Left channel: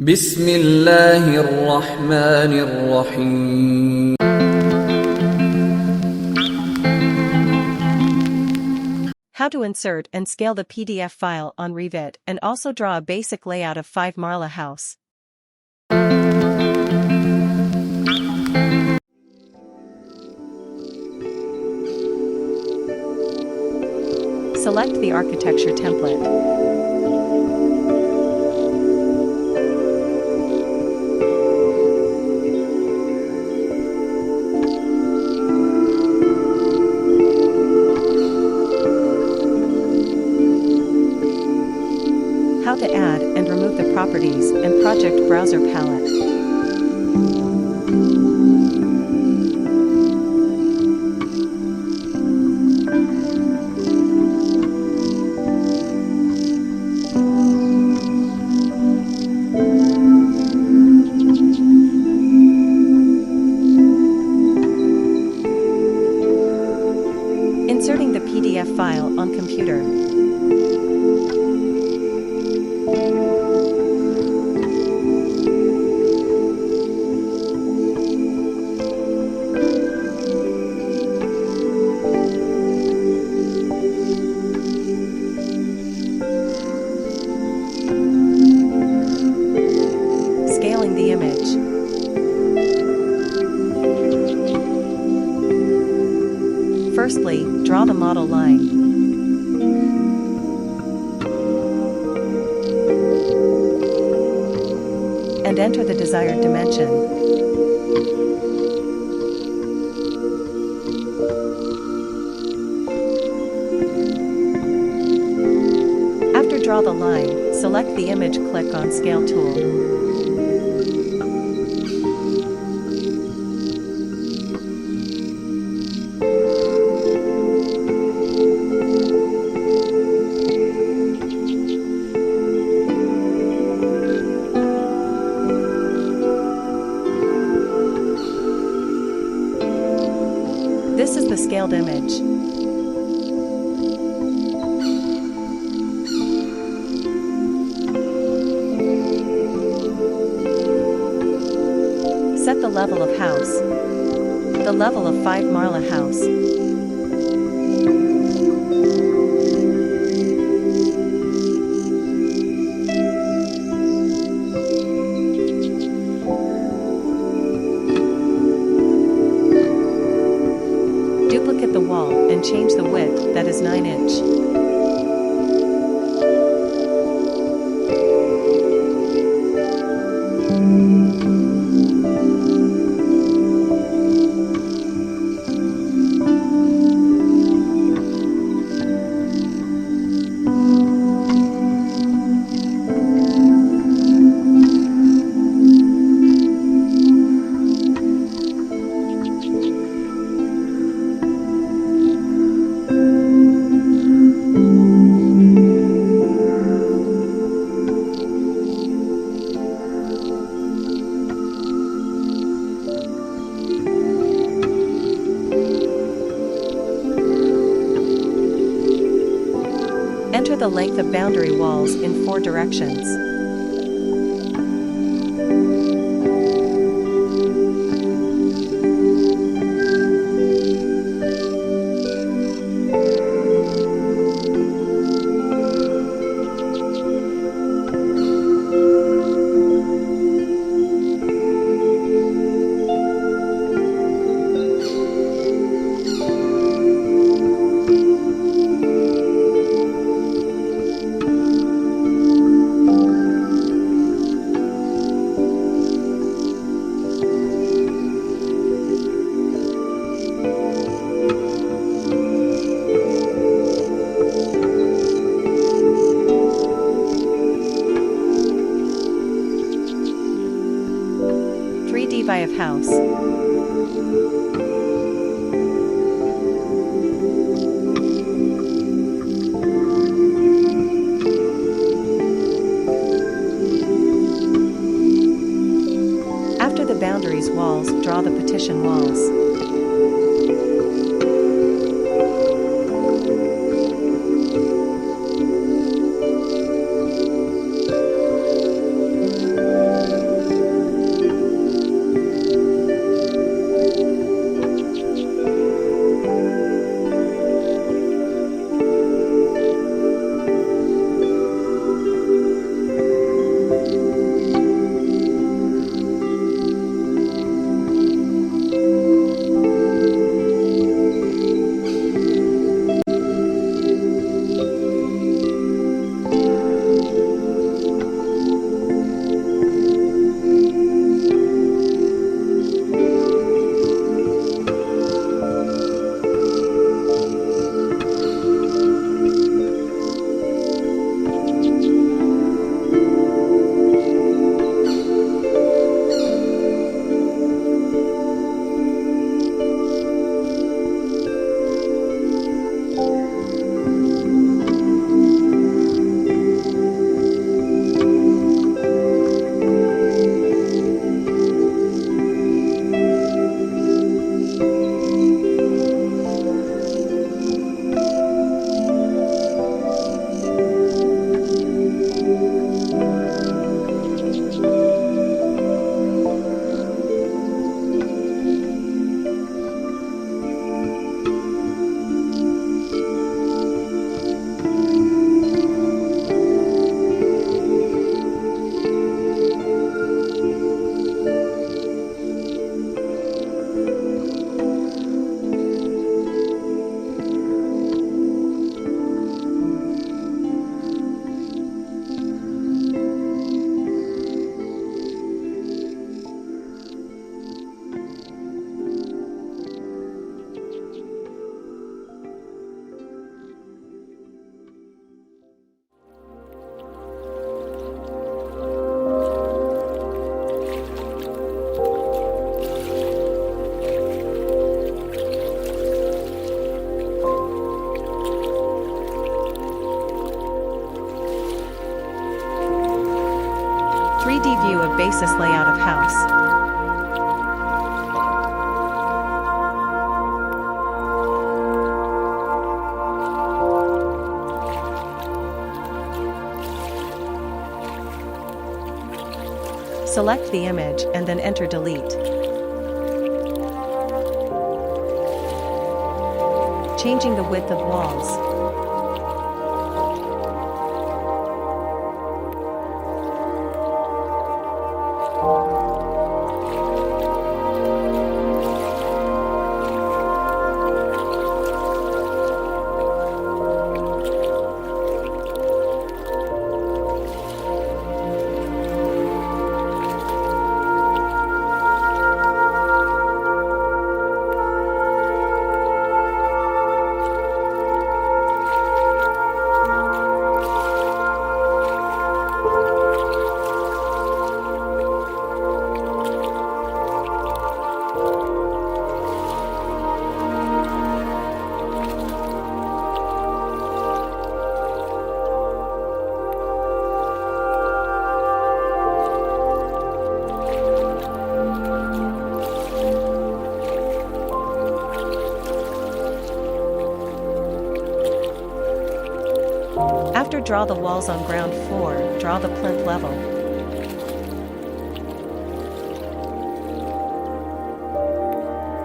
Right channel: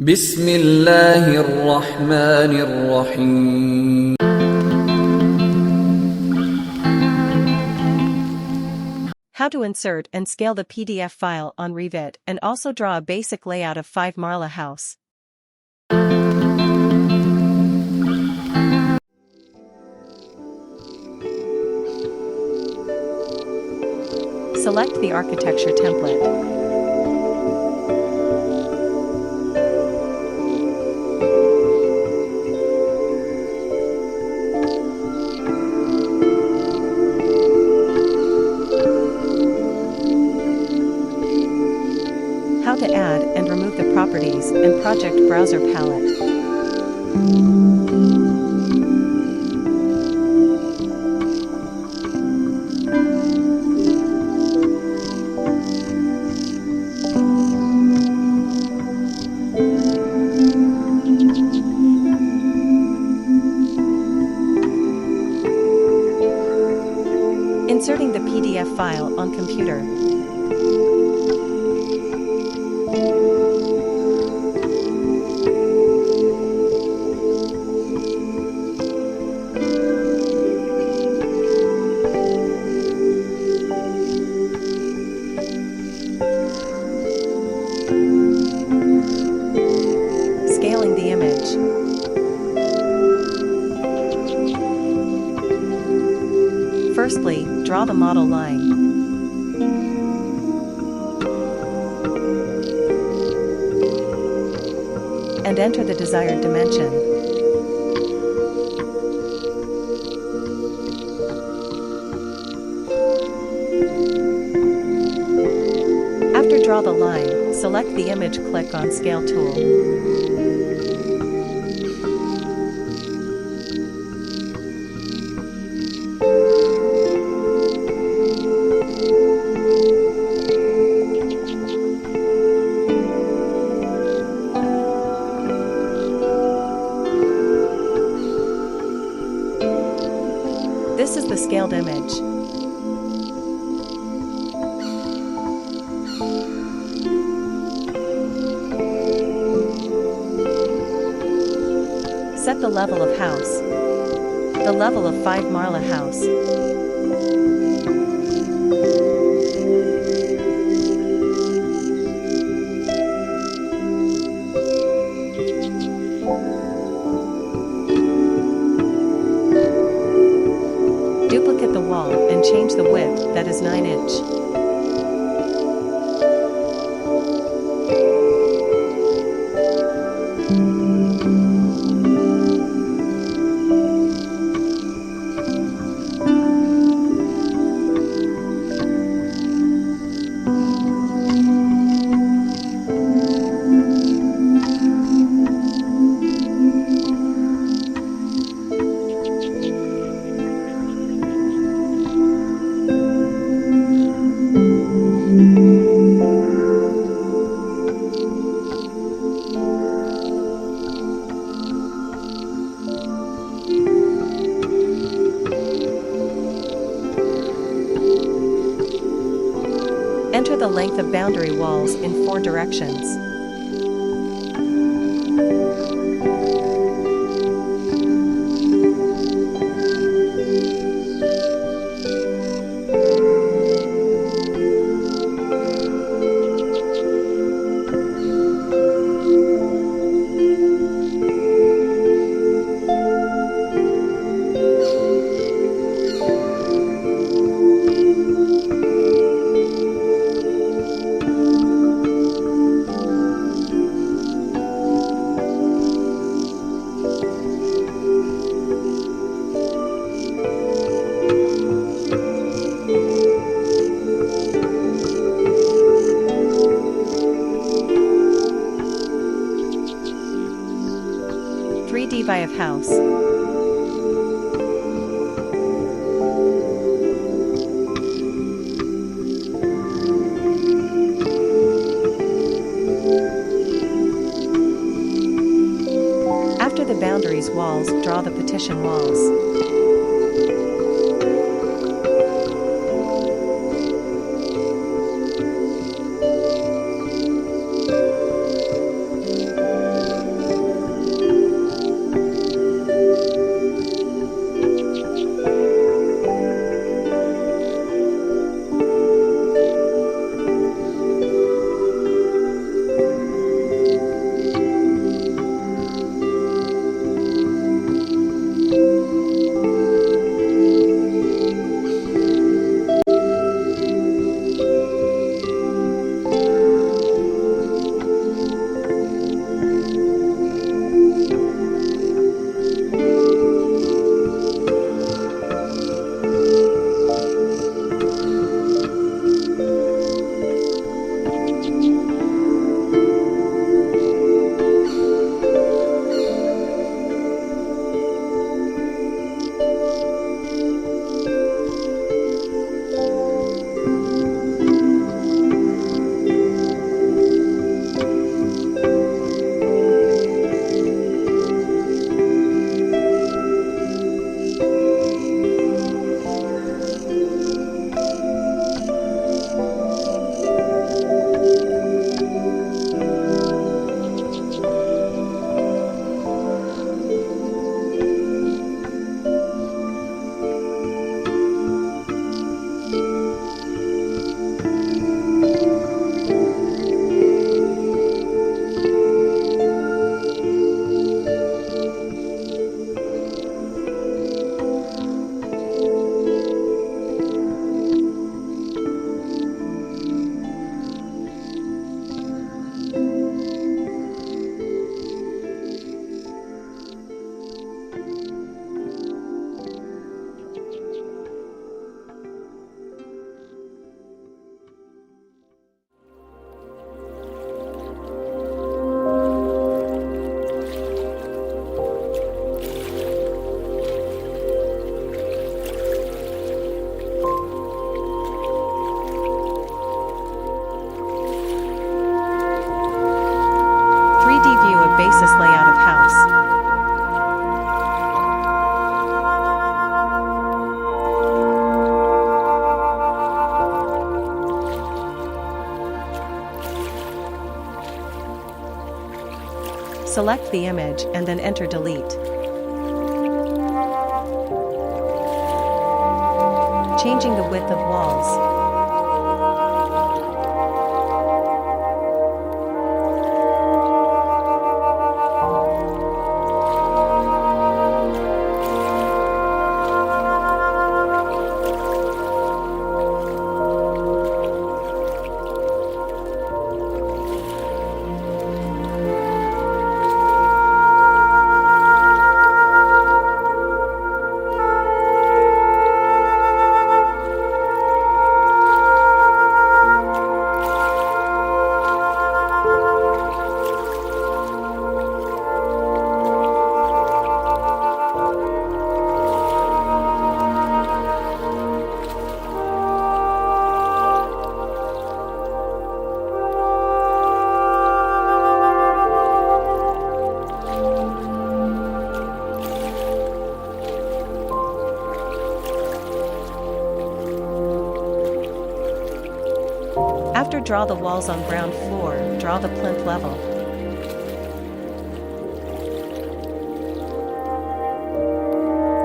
بسم الله الرحمن الرحيم. How to insert and scale the PDF file on Revit and also draw a basic layout of 5 Marla house. Select the architecture template. How to add and remove the properties and project browser palette. Inserting the PDF file on computer. Scaling the image. Firstly, draw the model line. And enter the desired dimension. After draw the line, select the image, click on Scale tool. This is the scaled image. Set the level of house. The level of 5 Marla house. Duplicate the wall and change the width, that is 9 inch. Enter the length of boundary walls in 4 directions. Via of house. After the boundaries walls, draw the partition walls. view of basis layout of house. Select the image and then enter delete. Changing the width of walls. After draw the walls on ground floor, draw the plinth level.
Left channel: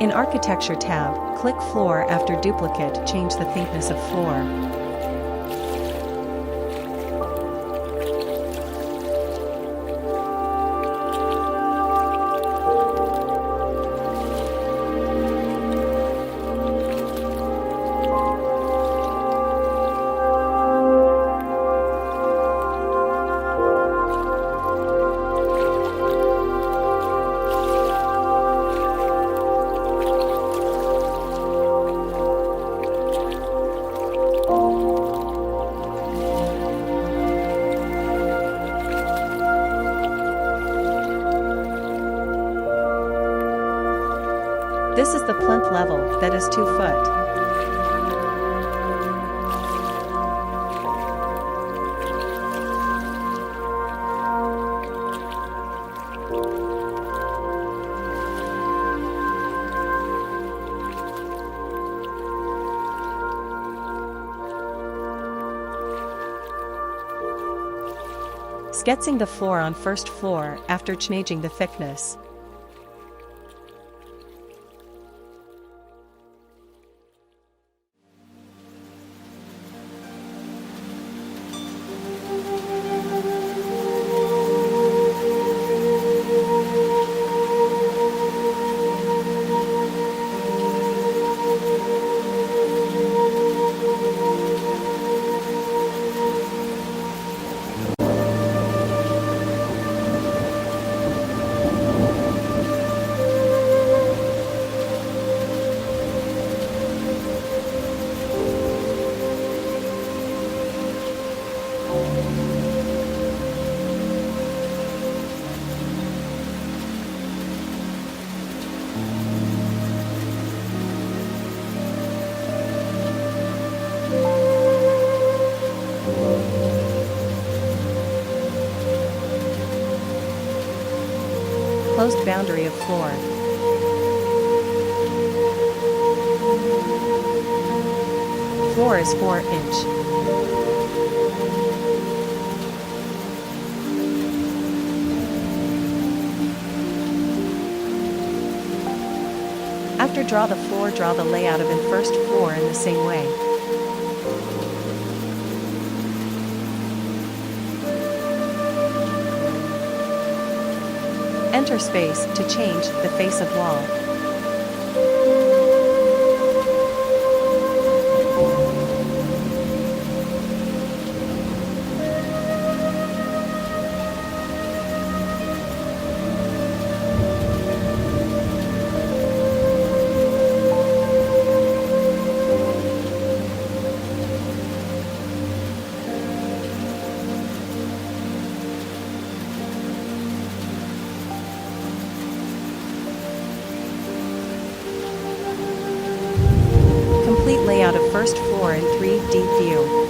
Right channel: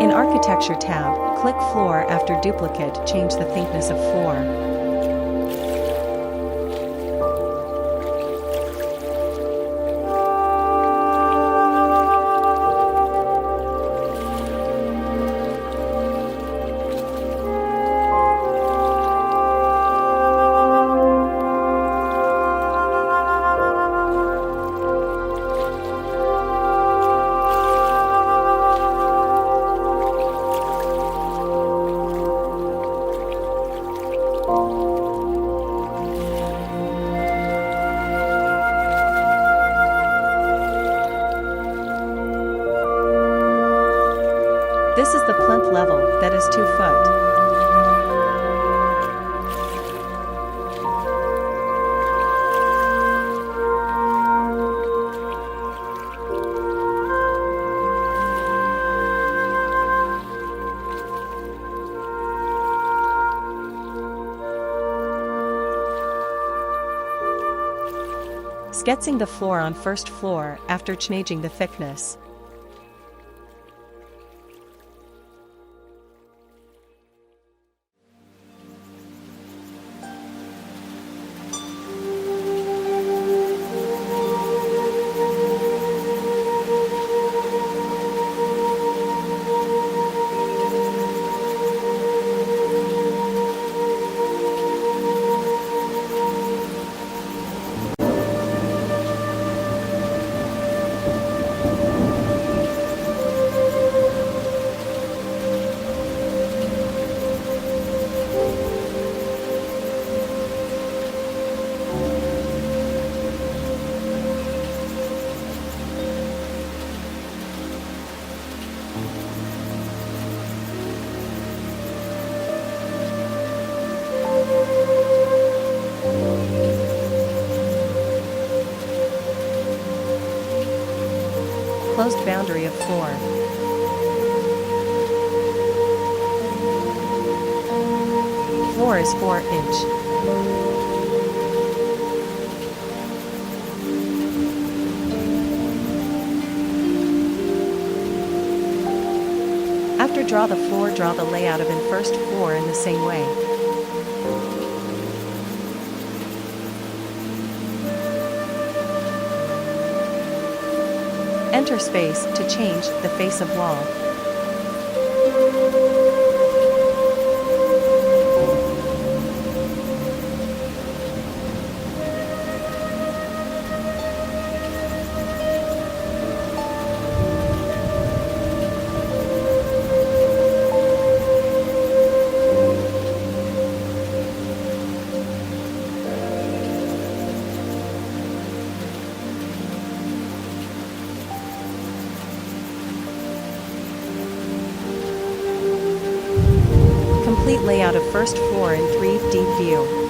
In Architecture tab, click Floor. After duplicate, change the thickness of floor. This is the plinth level, that is 2 foot. Sketching the floor on first floor after changing the thickness. Closed boundary of floor. Floor is 4 inch. After draw the floor, draw the layout of in first floor in the same way. Enter space to change the face of wall. Complete layout of first floor in 3D view.